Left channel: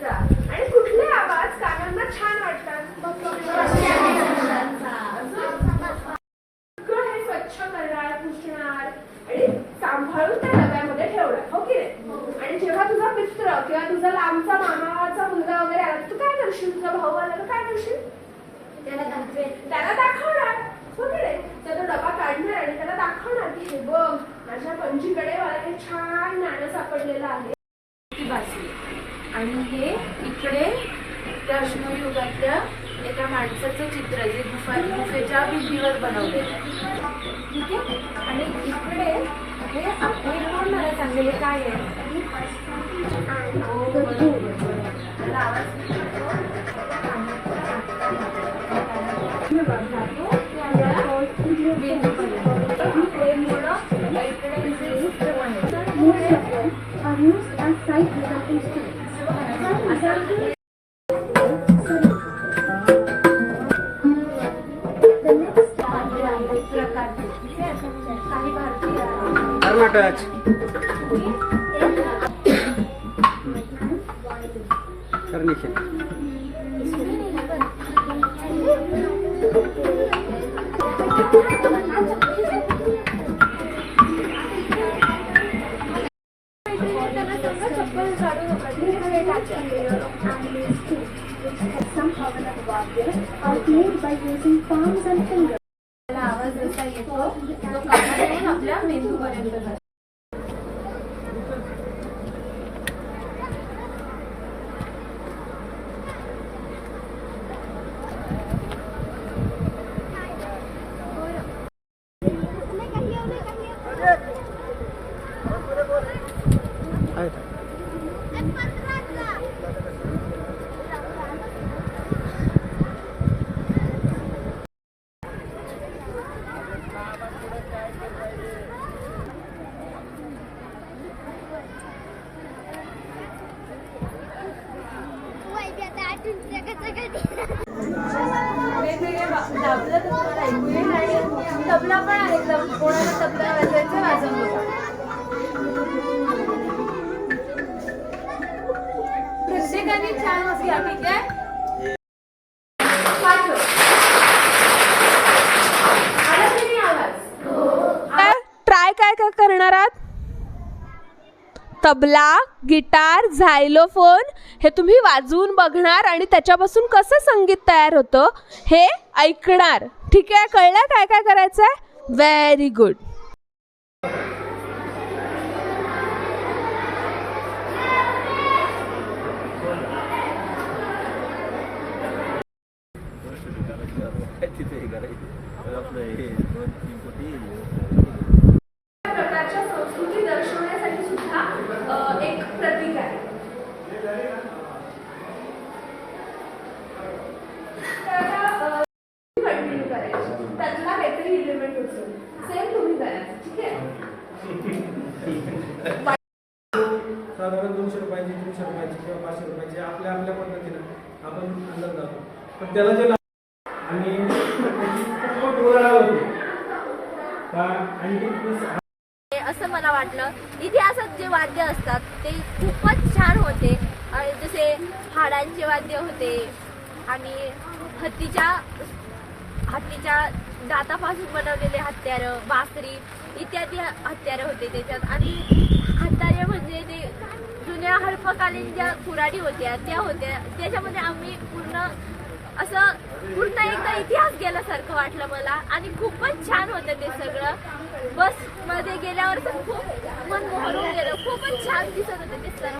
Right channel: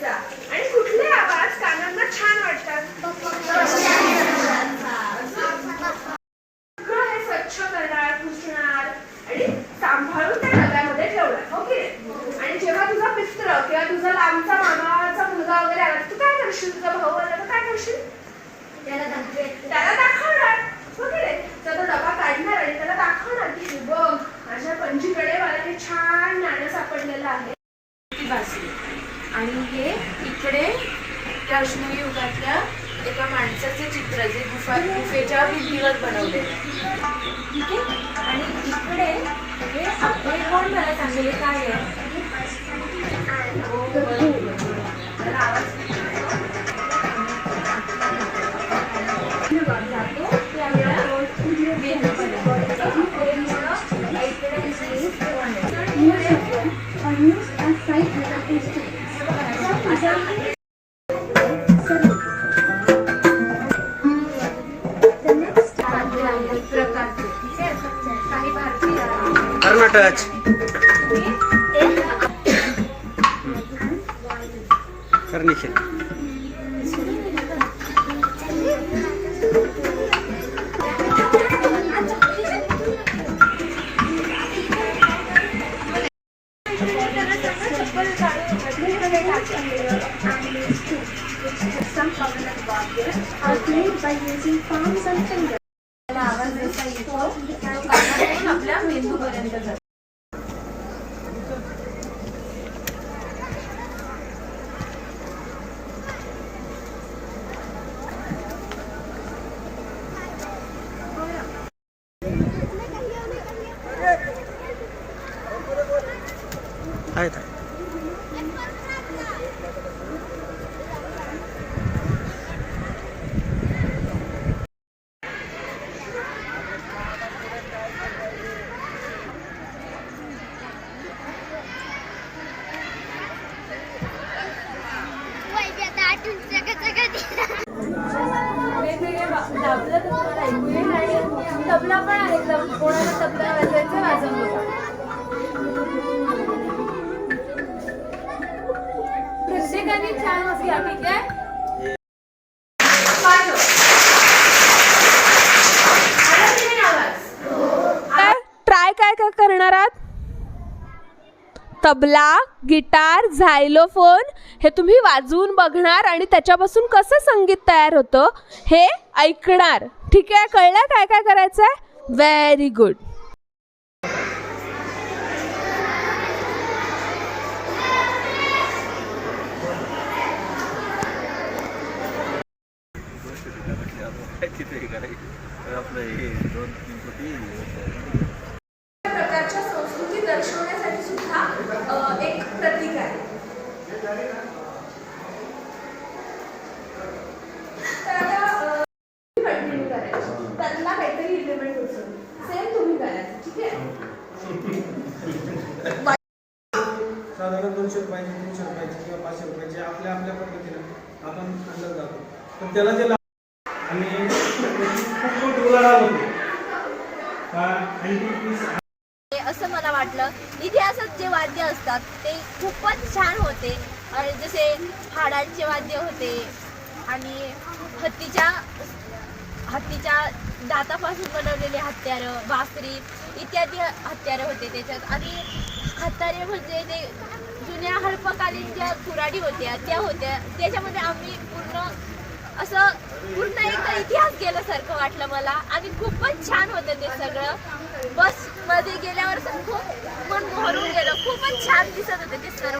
जा आणि कुठले आवाज कानांना छान वाटतात? हे स्वच्छ करणार पुसणार आणि सांभाळून त्या डब्यामध्ये ठेवणार. हो की नाही? आणि जेव्हा तुझा मित्र किंवा तुझा लांबचा मामाचा मुलगा वगैरे आला तू काय करशील? तुझा भाऊ आला तर काय करशील? त्याला दाखवणार. हो की नाही? तर तो डबा काढणार आणि त्याला दाखवणार की हे बघ माझ्या पंजीकडे मला हे छान नाणं सापडलेलं आहे. ती बासरी आणि हे इकडे त्या अश्मयुगी युगातल्या एका माणसाचं चित्र जे गुफा गुफेच्या भिंतीवर बनवलेलं आहे. ठीक आहे? आणि इकडे हे आपले कोण मला सांगितले काय आहे? आहे Karnataka कर्निशन some coconut vargas are played by using palms and fingers. त्याला आवाज जसा येतो तो कानातून आपल्या मेंदूपर्यंत जातो आहेत आहेत. तबला पण आहे कोणाला तबला प्रत्येकाने छान घ्या ठीक आहे. ट्राय काय काय करणार आहात? तबला गिटार झायलोफोन हे तुम्ही वाजवून बघणार आणि त्याच्यापासून कसं संगीत तयार होतं हे ऐकणार. ठीक आहे? कळलं? काय काय करायचं आहे व्हेरी गुड साधारण दोनशे रुपयाची तीनशे रुपयाची किंवा पाचशे रुपयाची आपल्या आपल्या पद्धतीनं आपण अंदाज जातो पण त्याला जे आणि खूप खूप उलाढाल होते. का अँटिक पीस असं मला वाटलं. इतिहासात जे वाद्य असतात ते खूपच छान होते. आणि जसे हाडांचे वाद्य होते आणि हत्तीच्या हत्तीच्या दातापासून बनवलेले हत्यारं बासरी इत्यादी हत्यारं होते त्याच्यात. आणि हत्यारे म्हणजे ते जुन्या हडपकालीन ज्या कुराडी होत्या त्या होत्या. त्याच्यामध्ये आम्ही पूर्ण असं पूर्ण एकदा इतिहास गेल्यासारखं वाटलं मला. आणि खूपच छान होतं ते सगळं. बसमध्ये गेल्यावर असं खूप मन मोहरून गेलं. खूपच छान दिसत होते ते सर्व.